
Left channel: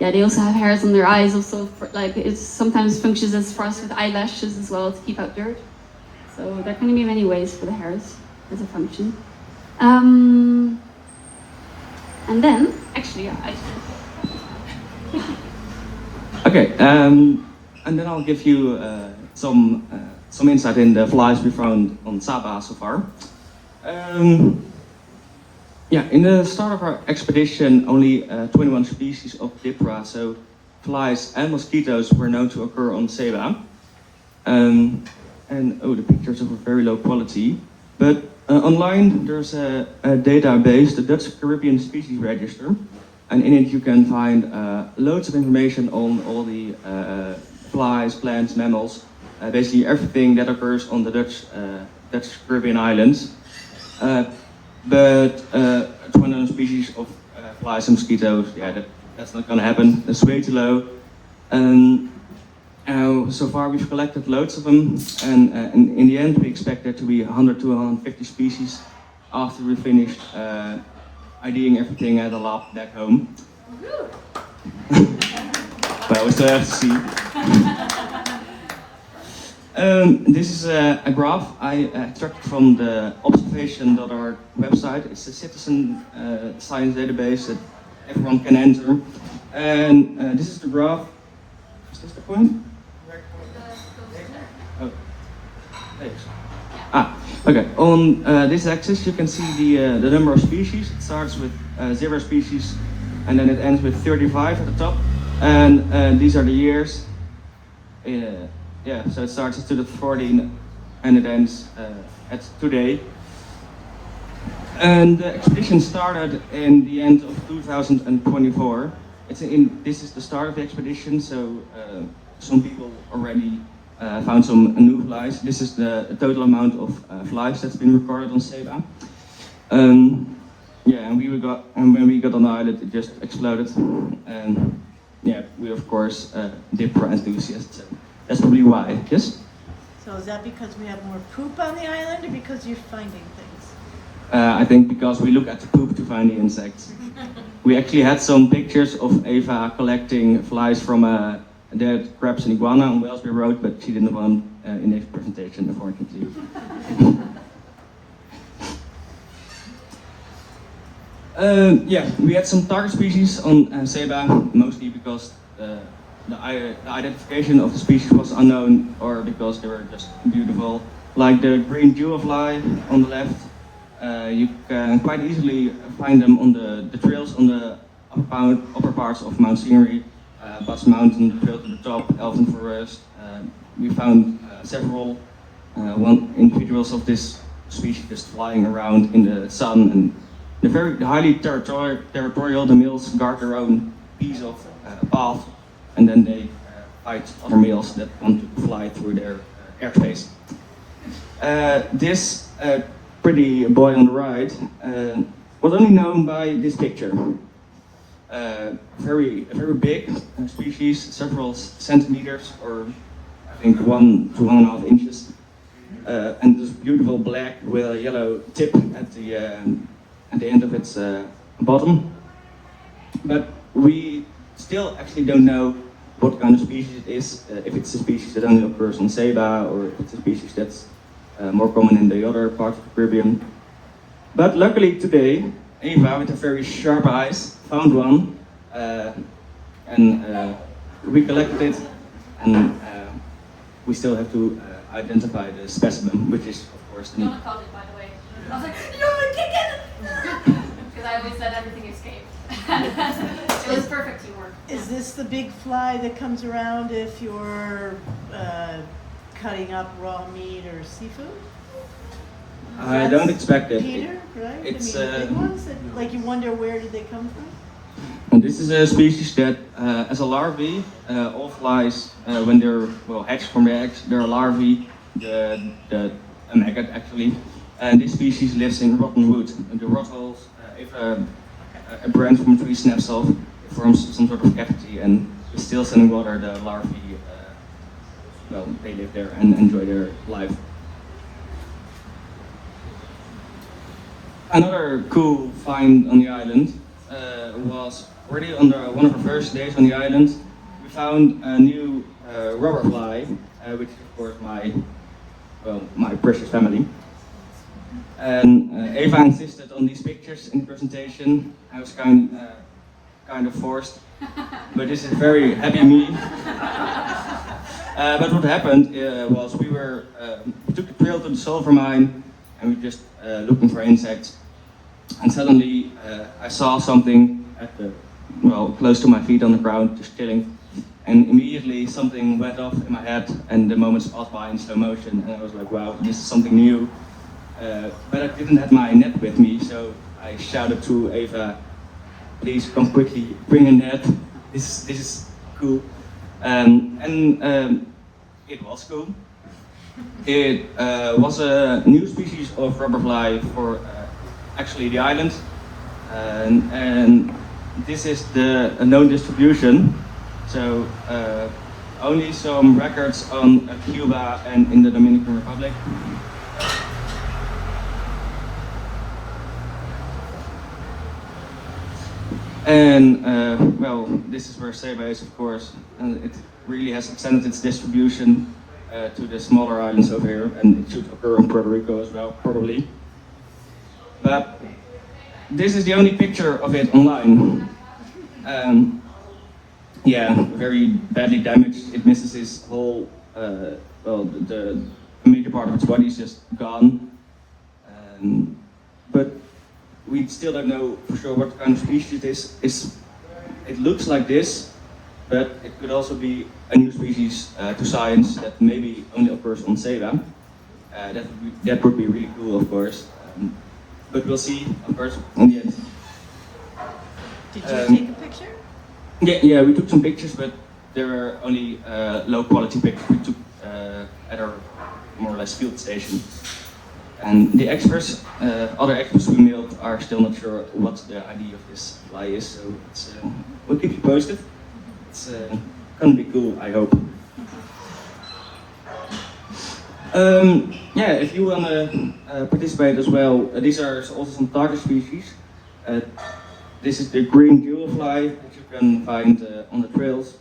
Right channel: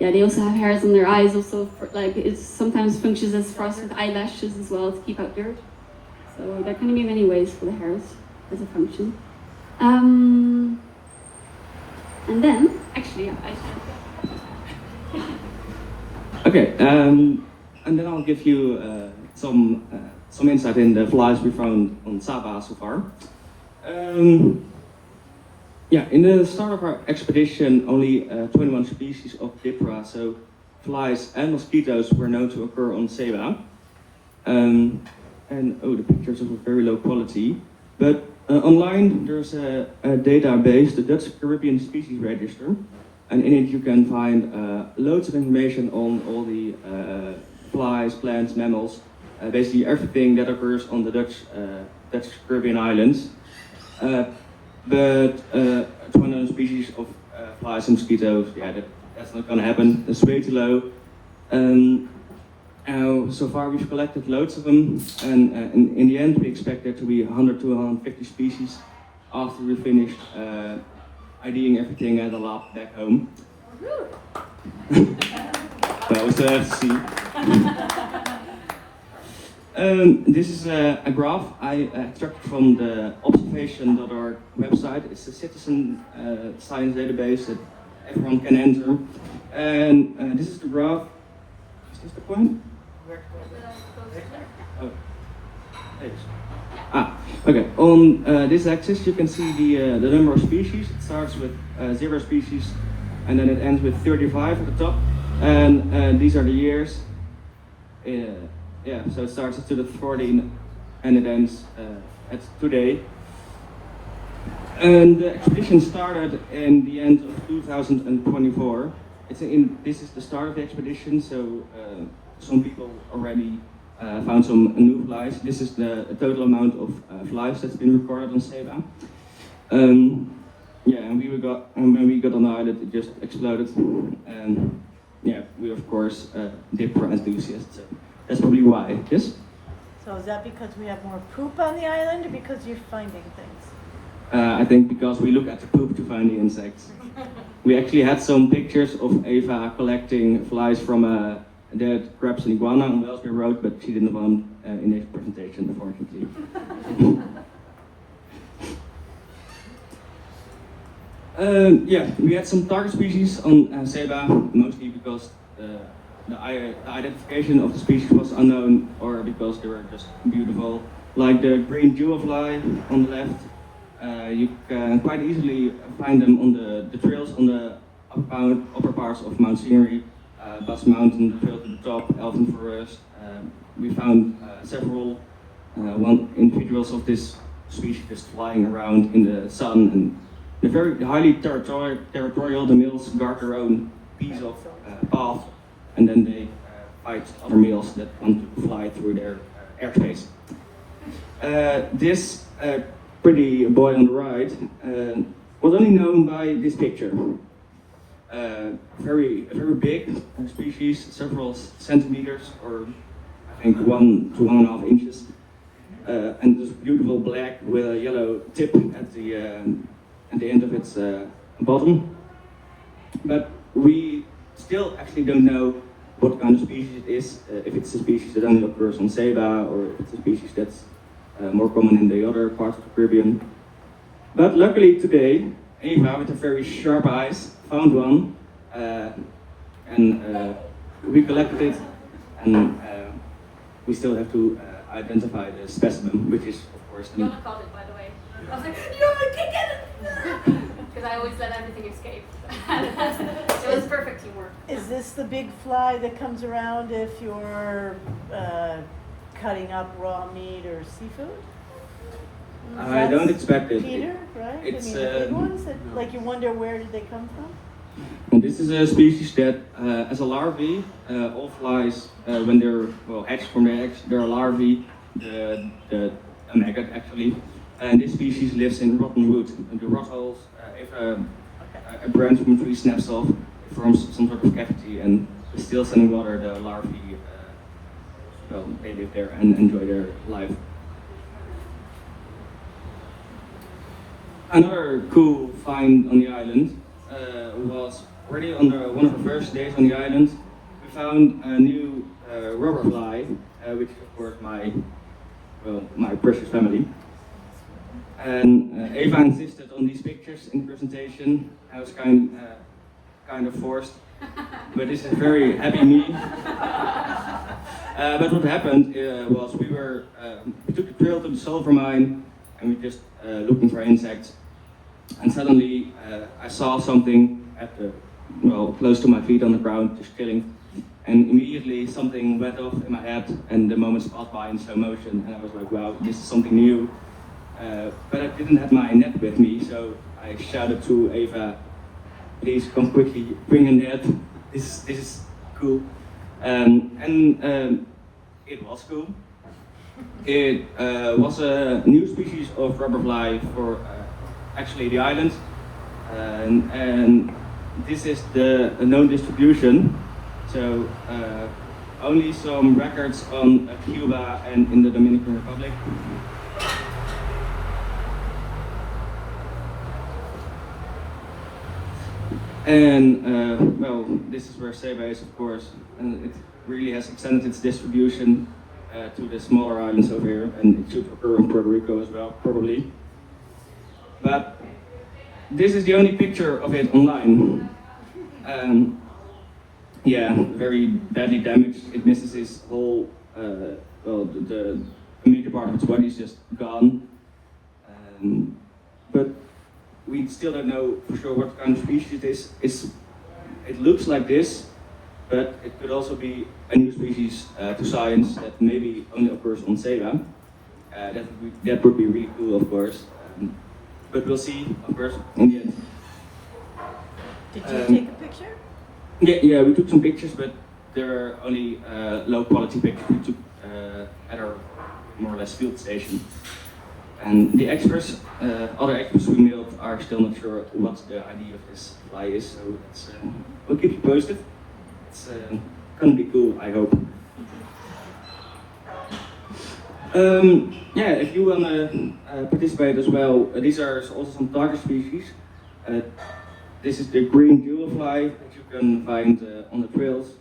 Yeah, they also have hairs on their eyes. Also, it sometimes functions as for us with eyelashes as well to keep out dirt. So there can be many ways for the hairs as a function. And then, actually, Okay, and then I'll give you some insight in the flies we found on Sabah so far. Yeah, in the start of our expedition, only 21 species of Diphthera, so flies and mosquitoes, were known to occur on Sabah. And the pictures are of very low quality. But online, there's a database, the Dutch Caribbean Species Register, and in it you can find loads of information on all the flies, plants, mammals, basically everything that occurs on the Dutch Caribbean islands. But 21 species of flies and mosquitoes, yeah, that's not gonna happen. That's way too low. So far we've collected loads of them, and in the end we expect there to be 100 to 150 species after we finish IDing everything at the lab back home. Well, so have to see. This is a graph I extracted from the observation.org website. It's a citizen science database that everyone can enter. And this is the graph. Is this the one? Oh, thanks. Okay. On this axis, you can see the number of species. It starts with 0 species, and then it ends with 35 at the top. And these are the years. Yeah. So it starts at 2014, and it ends at today. And the expedition started in the end of 2024. This is the start of the expedition, so some people already found some new flies. This is the total amount of flies that's been recorded on Seba. Yeah, and when we got on the island, it just exploded. And yeah, we of course dipper enthusiasts. That's probably why. Yes. So is that because we have more poop on the island, or because you're finding things? I think because we look at the poop to find the insects. We actually had some pictures of Eva collecting flies from a dead crabs and iguana on Wellesby Road, but she didn't want in this presentation, unfortunately. Yeah, we had some target species on Seba, mostly because the identification of the species was unknown, or because they were just beautiful. Like the green jewelfly on the left. You can quite easily find them on the trails on the upper parts of Mount Scenery, Bass Mountain, the trail to the top, Elven Forest. We found several individuals of this species just flying around in the sun, and they're very highly territorial. The males guard their own piece of path, and then they fight other males that want to fly through their airspace. This pretty boy on the right was only known by this picture. Very big species, several centimeters, or I think 1 to 1.5 inches, and this beautiful black with a yellow tip at the end of its bottom. But we still actually don't know what kind of species it is. If it's a species that only occurs on Seba, or if it's a species that's more common in the other parts of the Caribbean. But luckily today, Eva, with her very sharp eyes, found one, and we collected it, and we still have to identify the specimen, which is of course neat. Jonne caught it, by the way. I was like, "You can't get it!" Because I always let everything escape. It was perfect teamwork. Is this the big fly that comes around if you're cutting up raw meat or seafood? I don't expect it. Peter, right? It's, I mean, the big ones that, like, you wonder where did they come from? And this is a species that, as a larvae, all flies, when they're hatched from their eggs, they're larvae, a maggot actually. And this species lives in rotten wood. In the rot holes, if a branch from a tree snaps off, it forms some sort of cavity, and with still standing water, the larvae, they live there and enjoy their life. Another cool find on the island was already on one of the first days on the island. We found a new rubber fly, which is of course my precious family. And Eva insisted on these pictures in the presentation. I was kind of forced, but this is very happy me. But what happened was we took the trail to the sulfur mine, and we just looking for insects. And suddenly I saw something close to my feet on the ground, just chilling. And immediately something went off in my head, and the moments passed by in slow motion. And I was like, wow, this is something new. But I didn't have my net with me, so I shouted to Eva, please come quickly, bring a net. This is cool. And it was cool. It was a new species of rubberfly for actually the island, and this is the known distribution. So only some records on Cuba and in the Dominican Republic. And this is where Seba is, of course, and it really has extended its distribution to the smaller islands over here, and it should occur in Puerto Rico as well, probably. But this is the only picture of it online. Yeah, very badly damaged. It misses its whole, the a major part of its body is just gone. But we still don't know for sure what kind of species it is. It looks like this, but it could also be a new species to science that maybe only occurs on Ceiba. That would be really cool, of course. But we'll see, of course, in the end. Did you take a picture? Yeah, we took some pictures, but there were only low quality pictures we took at our more or less field station. And the experts, other experts we mailed, are still not sure what the idea of this fly is, so we'll keep you posted. It's gonna be cool, I hope. Yeah, if you wanna participate as well, these are also some target species. This is the green jewelfly that you can find on the trails,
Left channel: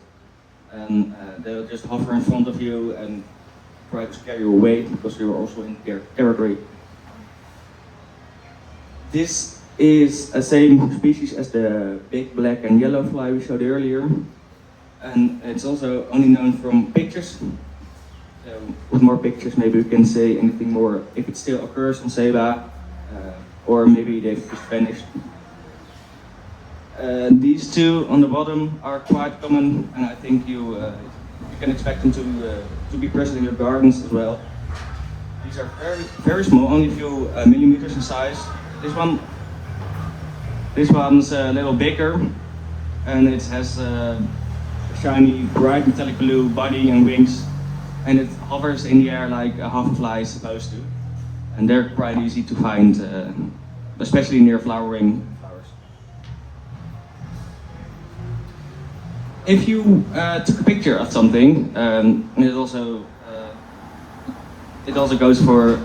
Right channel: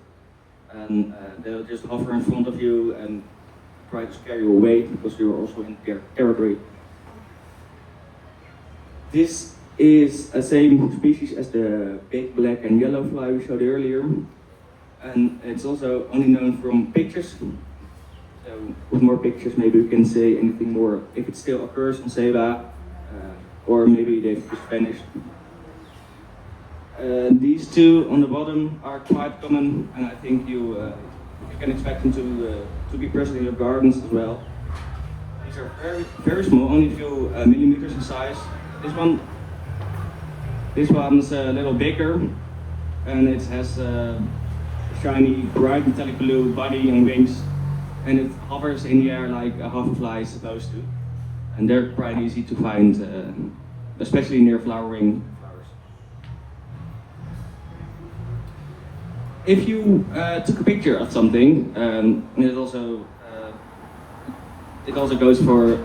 and they'll just hover in front of you and try to scare you away because you're also in their territory. This is the same species as the big black and yellow fly we showed earlier, and it's also only known from pictures. With more pictures, maybe we can say anything more if it still occurs on Ceiba, or maybe they've just vanished. These two on the bottom are quite common, and I think you can expect them to be present in your gardens as well. These are very small, only a few millimeters in size. This one's a little bigger, and it has a shiny, bright metallic blue body and wings, and it hovers in the air like a hoverfly is supposed to. And they're quite easy to find, especially near flowering flowers. If you took a picture of something, it also goes for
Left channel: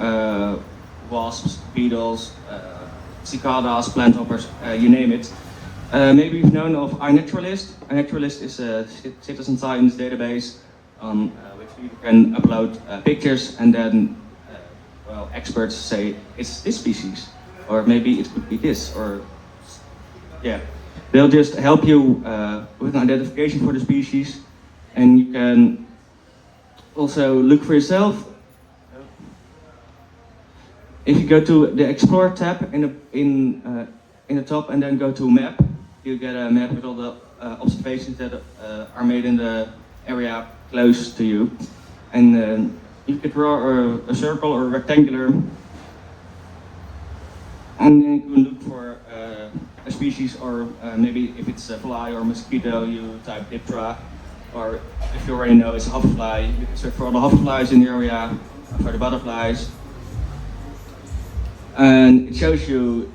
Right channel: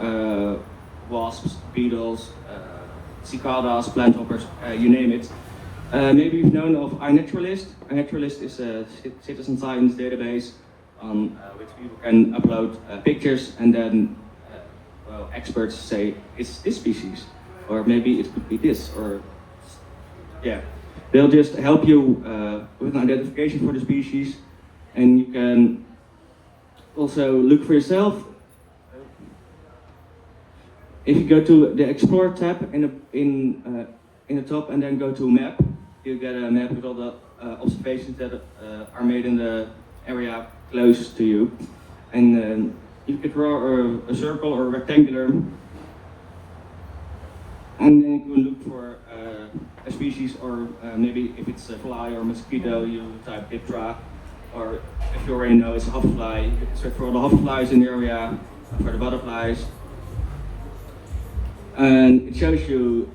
wasps, beetles, cicadas, plant hoppers, you name it. Maybe you've known of iNaturalist. iNaturalist is a citizen science database on which you can upload pictures, and then well, experts say it's this species, or maybe it could be this, or yeah. They'll just help you with an identification for the species, and you can also look for yourself. If you go to the Explore tab in the top and then go to Map, you get a map with all the observations that are made in the area close to you. And you can draw a circle or a rectangular, and then you can look for a species, or maybe if it's a fly or a mosquito, you type Diptera, or if you already know it's a hoverfly, you can search for all the hoverflies in the area, for the butterflies. And it shows you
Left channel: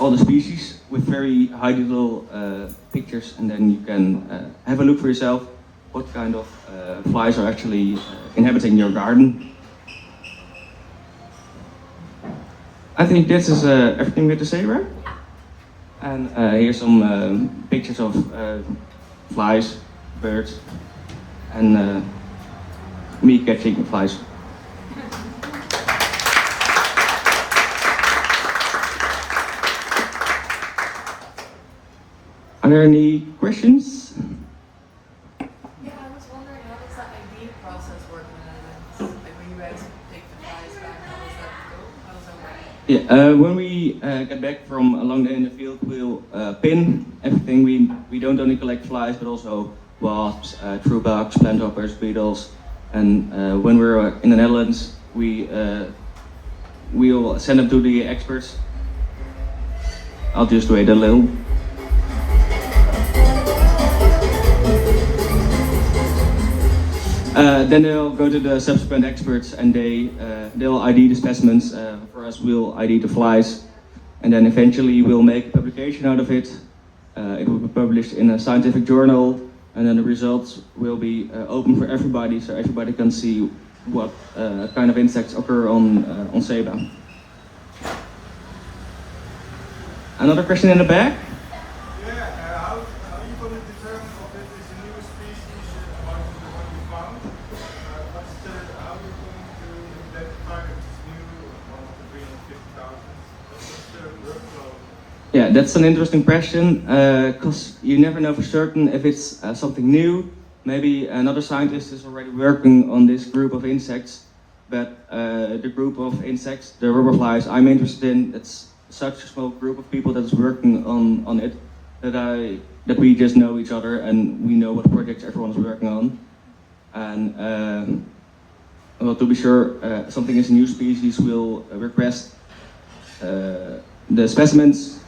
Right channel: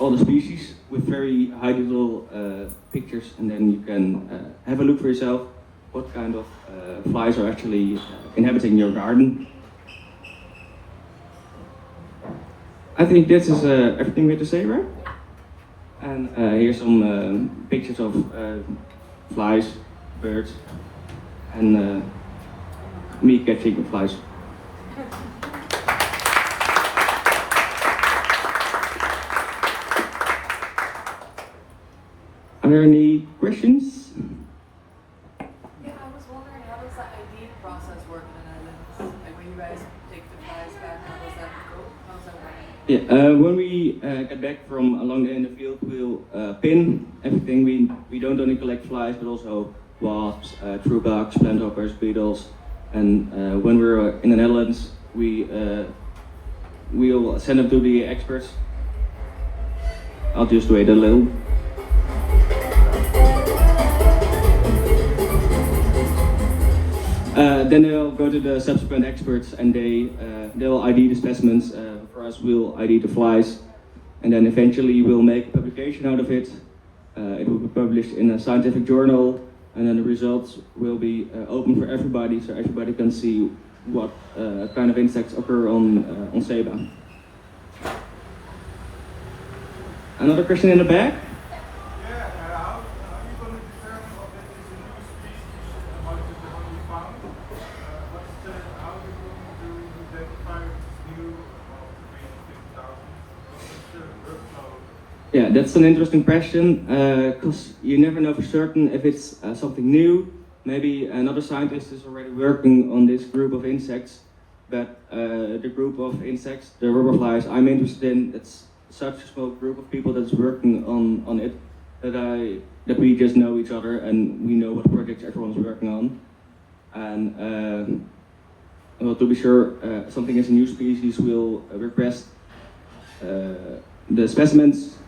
all the species with very high little pictures, and then you can have a look for yourself what kind of flies are actually inhabiting your garden. I think this is everything we have to say, right? And here's some pictures of flies, birds, and me catching flies. Are there any questions? Yeah, I was wondering, how does that ID process work in the Netherlands? Like when you guys take the flies back, how does that go? How does that work? Yeah, when we get back from along in the field, we'll pin everything. We don't only collect flies, but also wasps, true bugs, plant hoppers, beetles. And when we're in the Netherlands, we'll send them to the experts. I'll just wait a little. Then they'll go to the subsequent experts, and they'll ID the specimens. For us, we'll ID the flies, and then eventually we'll make a publication out of it. It will be published in a scientific journal, and then the results will be open for everybody, so everybody can see what kind of insects occur on Ceiba. Another question in the back? How are you going to determine if it is a new species among the one you found? How are you going to identify if it's new among the 350,000? What's the workflow? Yeah, that's an interesting question, because you never know for certain if it's something new. Maybe another scientist is already working on this group of insects, but the group of insects, the rubber flies, I'm interested in, it's such a small group of people that's working on it that we just know each other and we know what projects everyone's working on. And well, to be sure, something is a new species, we'll request the specimens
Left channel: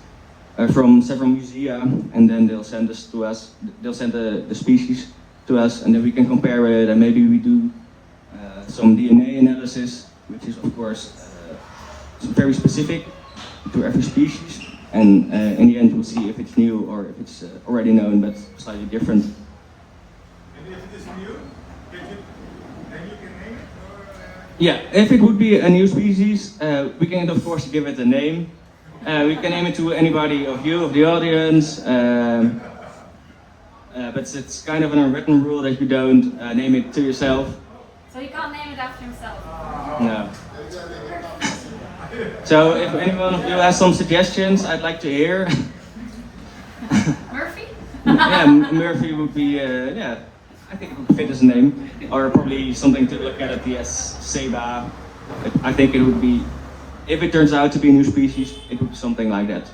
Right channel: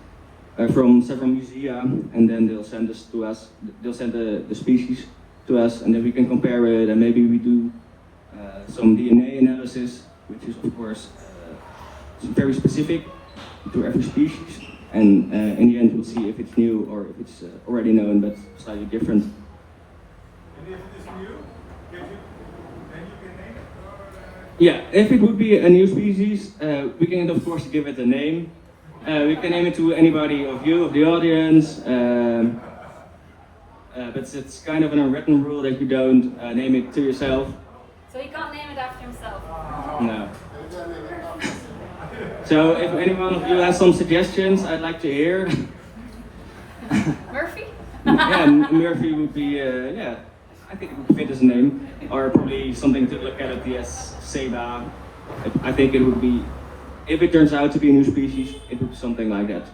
from several musea, and then they'll send us to us. They'll send the species to us, and then we can compare it, and maybe we do some DNA analysis, which is of course very specific to every species. And in the end, we'll see if it's new or if it's already known but slightly different. And if it is new, and you can name it? Or, Yeah, if it would be a new species, we can of course give it a name. We can name it to anybody of you, of the audience, but it's kind of an unwritten rule that you don't name it to yourself. So he can't name it after himself. No. So if anyone of you has some suggestions, I'd like to hear. Murphy? Yeah, Murphy would be, yeah, I think it would fit as a name. Or probably something to look at the Seba. I think it would be, if it turns out to be a new species, it would be something like that.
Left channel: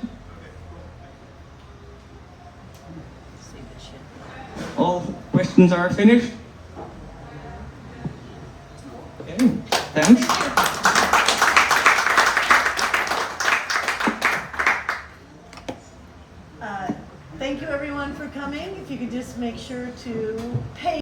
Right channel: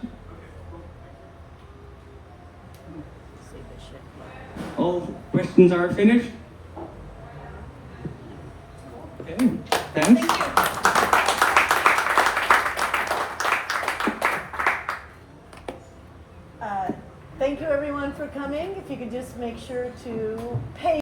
All questions are finished? Okay, thanks. Thank you everyone for coming. If you could just make sure to pay